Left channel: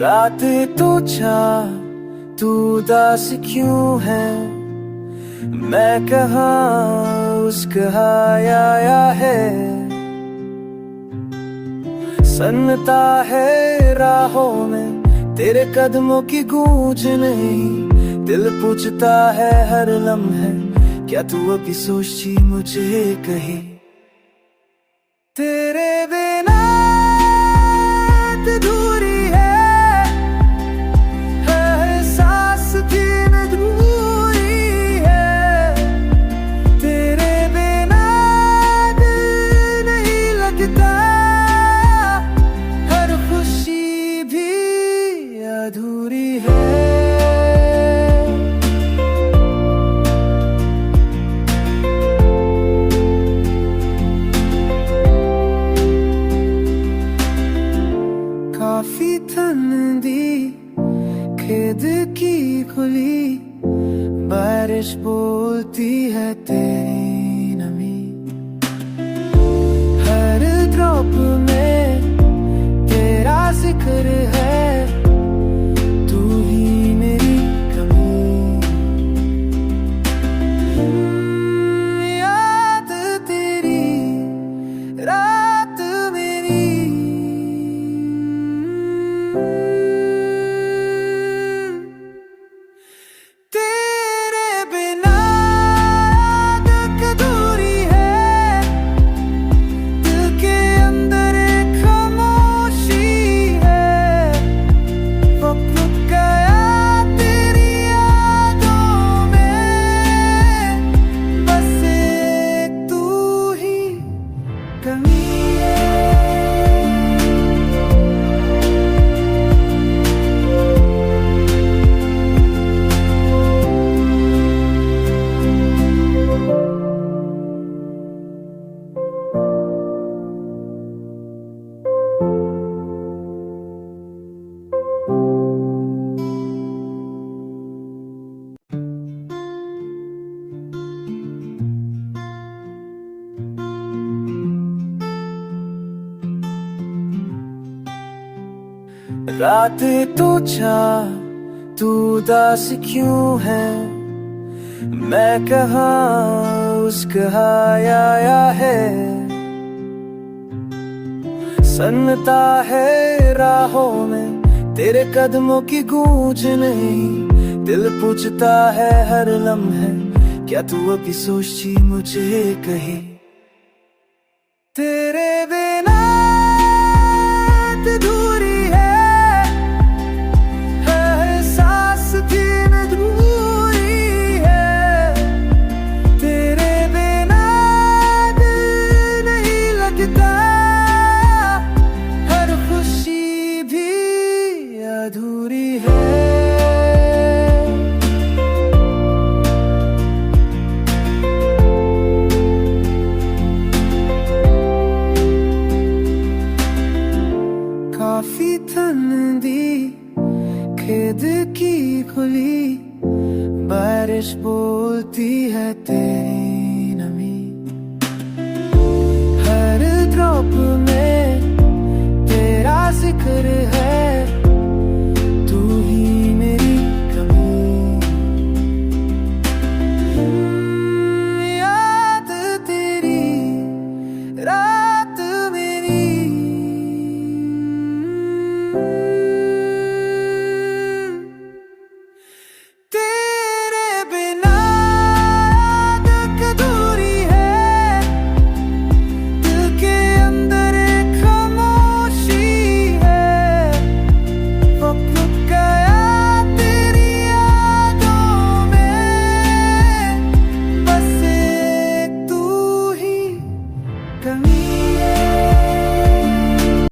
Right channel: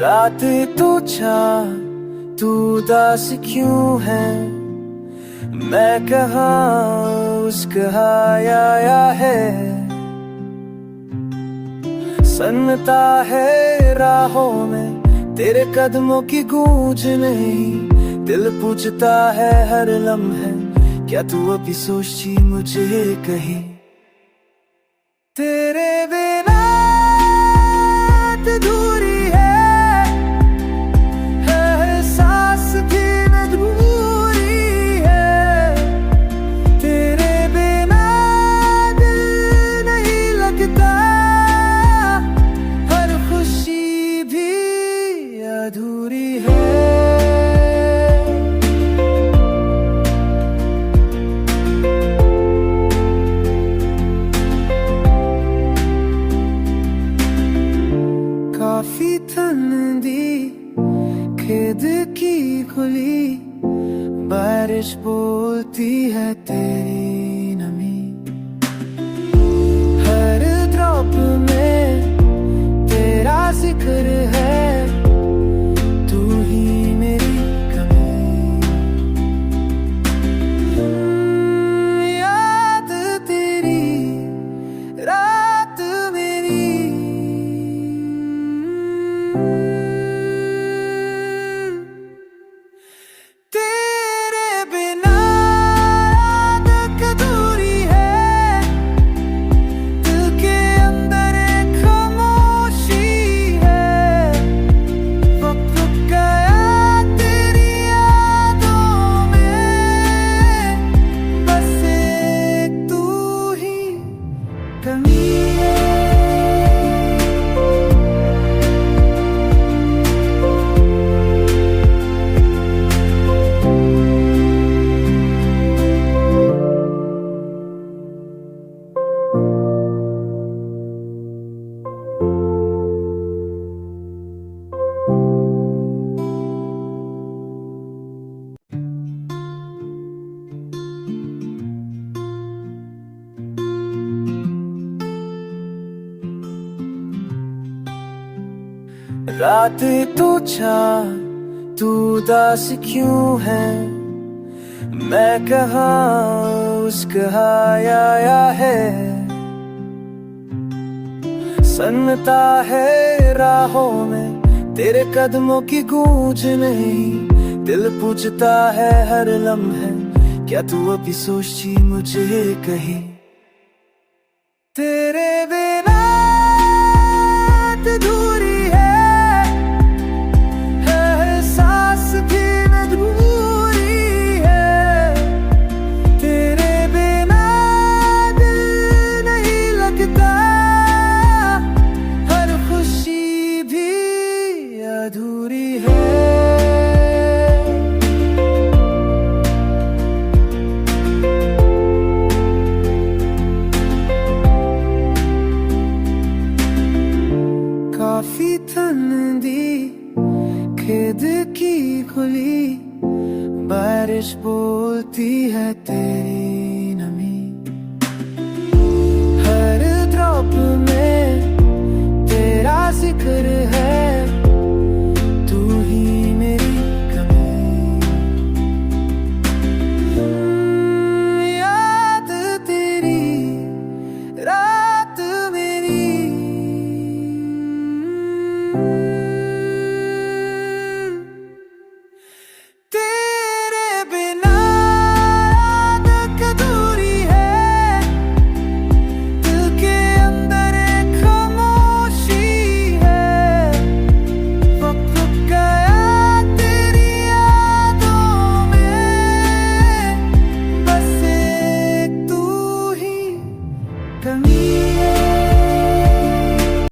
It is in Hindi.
रात तो तू उदास क्यों है, मैं कहाँ उस कहाँ आया है। सन्नता है राहों में तेरे कदमों की गूंज नहीं, दिल पूछता है हर लम्हे क्या तू अभी सोची मुझे कहीं। तेरे बिना अधूरी है, हर सांस भी अधूरी है। तेरे बिना दिल नहीं लगता, हर खुशी भी अधूरी है। काफी ठंडी खेद की खुली बारिश बोलती है तेरी नमी, हर ड्रॉप में तेरा जिक्र है, तू ही मेरी कमी। याद तेरी रात मेरी, तेरे बिना याद अधूरी है, दिल के अंदर एक खामोशी है। वक्त रुक गया तेरी यादों में, बस एक तू ही कमी है। रात तो तू उदास क्यों है, मैं कहाँ उस कहाँ आया है। सन्नता है राहों में तेरे कदमों की गूंज नहीं, दिल पूछता है हर लम्हे क्या तू अभी सोची मुझे कहीं। तेरे बिना अधूरी है, हर सांस भी अधूरी है। तेरे बिना दिल नहीं लगता, हर खुशी भी अधूरी है। काफी ठंडी खेद की खुली बारिश बोलती है तेरी नमी, हर ड्रॉप में तेरा जिक्र है, तू ही